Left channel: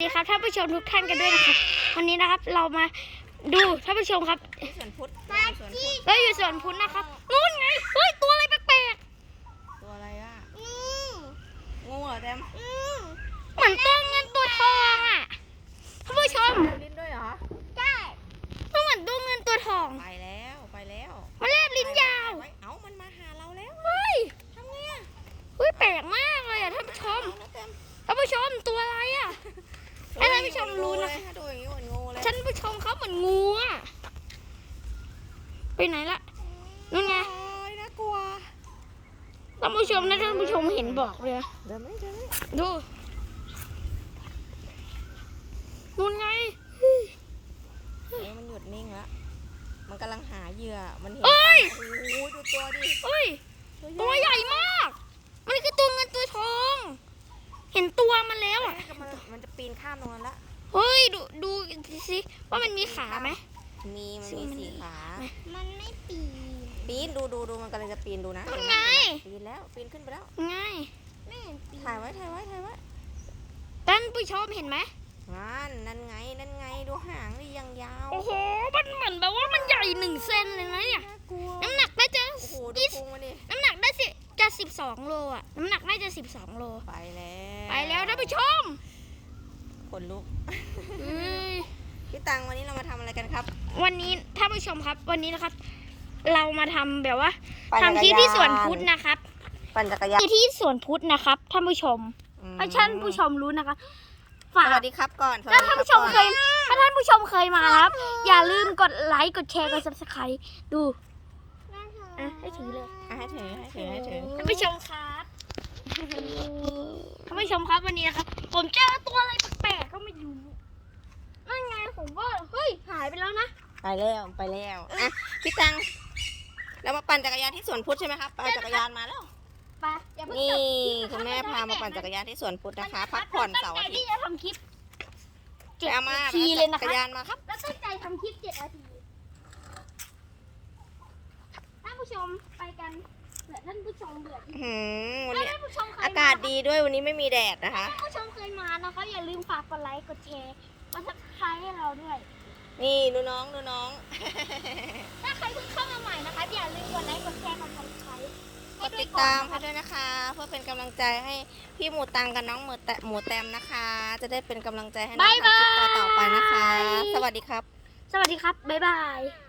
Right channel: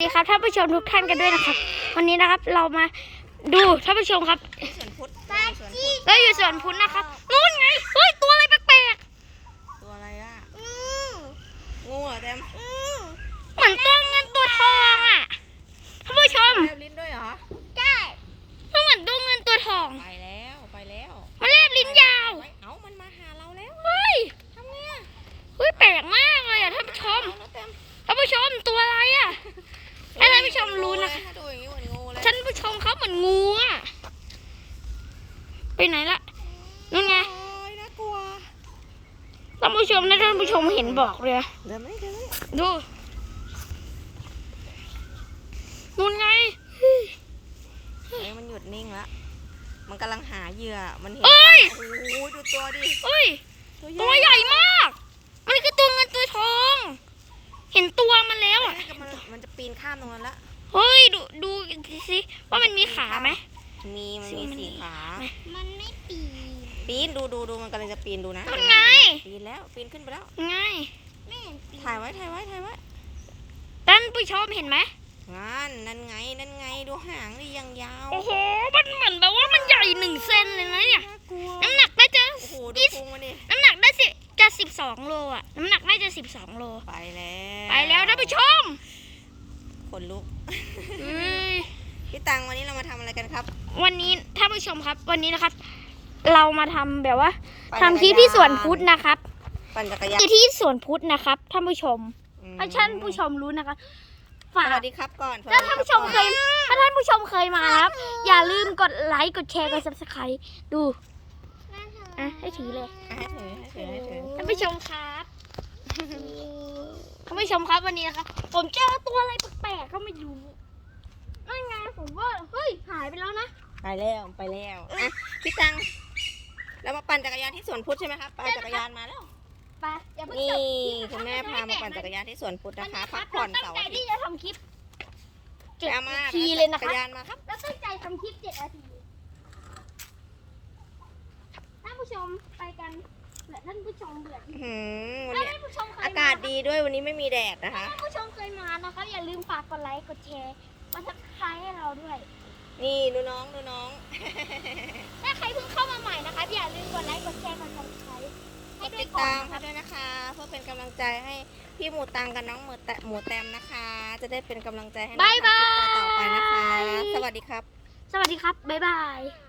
สวัสดีครับท่านผู้ชมทุกท่านกันด้วยนะครับ วันนี้นะครับเรามาดูท่านผู้ชมครับสวนพุทธเราอยู่สวนพุทธนะครับนู่นไงเฮ้ยตัวอะไรแปลกตัวอะไรอะงูเหรอแตม มรู้นะคะถ้าดูอย่างนี้เหมือนงูเลยท่านผู้ชมเขาเหมือนงูอะไปไหนละนู่นไงโอ้ยน่ากลัวท่านผู้ชมนะท่านผู้ชมเห็นบอกเลยเดี๋ยวไม่เดี๋ยวไม่ดูนู่นไงเฮ้ยมันหยุดนิ่งละมันกำลังหาเหยื่อ มันเห็นเอ้ยโอ้โหดูตัวดิเฮ้ย ตัตัววใหใหญ่ญ่มาก มันคือตัวเงินตัวทอง เห็นตัวมันแล้วอะมันมันจะปีนข้ามตรงนั้นละ เฮ้ยดูดูสิว่ามันมีขาไหม มีมันซึ่งมีมันสี่ขามันไม่ปีปีนดูดูดูมันกำลังจะปีนดูนะนั่นไงปีนแล้วปีนขึ้นไปแล้วง่ายถ่ายไว้ถ่ายไว้ถ่ายไว้ท่านผู้ชมเห็นไหมนั่นนั่นไงนั่นไงดูหางดิยังยาวโอ้โหมันเหมือนแบบว่ามันใหญ่หนึ่งเซนเลยนะเนี่ยน่ากลัวน้ำหนักน่าจะโอ้โหดูยี่พุงมันดิน้ำหนักได้สิจะสิบสองโลอะน้ำหนักน่าจะสิบสองโลไปแล้วไปแล้วท่านผู้ชม ขนลุกเฮ้ยพี่ตังวันนี้เรามาทำอะไรกันครับ วันนี้ท่านผู้ชมครับ วันนี้นะครับ เรามาทำแบบว่าปั่นทำคลิปที่สวนพุทธนะครับปั่นจักรยานคือที่สวนพุทธนะครับท่านผู้ชมอืมให้ท่านผู้ชมรู้นะคะสฝากวัสดีครับก่อนถ้าท่านผู้ชมเคยถ้าท่านผู้ชมเคยมานะครับ อย่าลืมกดไลค์ กดแชร์ กด subscribe ดู อะ ให้ถือเลย อะให้ถือให้ถือให้ถือ ท่านผู้ชมครับ ท่านผู้ชมครับวันนี้นะครับผมเจอตัวอะไรแปลกๆก็ไม่รู้นั่นไงผมว่าเฮ้ยหายไปแล้วนะ ไปแล้วไปแล้วอะพี่ตังเรามาปั่นจักรยานที่สวนพุทธใช่ไหมครับปั่นจักรยานมาแล้วไปอย่าเพิ่งนี่จบลิปนะคุณแม่รับพามาปั่นจักรยานที่สวนพุทธนะคะพักผ่อนเสาร์อาทิตที่ย์จะทำคลิปเจ็ดเอามานาทีเลยนะจัคะกรยานมาครับแล้วตั้งใจทำคลิปเจ็ดนาทีท่านผู้ชมไปกัน เผื่อท่านผู้ชมเบื่ออื้อหือถ้าเนี่ยท่านผู้ชมเคยอากาศดีด้วยวันนี้ไม่มีแดดนะคะ ท่านผู้ชมเคยมานะคะ อย่าลืมฝากกดไลค์กดแชร์มาทักทายให้เราด้วย นี่ดูน้องดูน้อง ถ้าใครเพิ่งเข้ามาใหม่นะคะอย่าลืมกดไลค์กดแชร์กดซับสไครต์กให้ดด้วติยดก่อนตามนะให้คะด้วยนะคะ เพื่อเป็นกำลังใจให้พี่หมูตังกับน้องหมูแตหมูแตมนะคะ จะได้เป็นกำลังใจให้น้องบ๊ายบาทำคลิปต่อๆไปนะคะยสวัสดีครับ สวัสดีครับบ๊ายบาย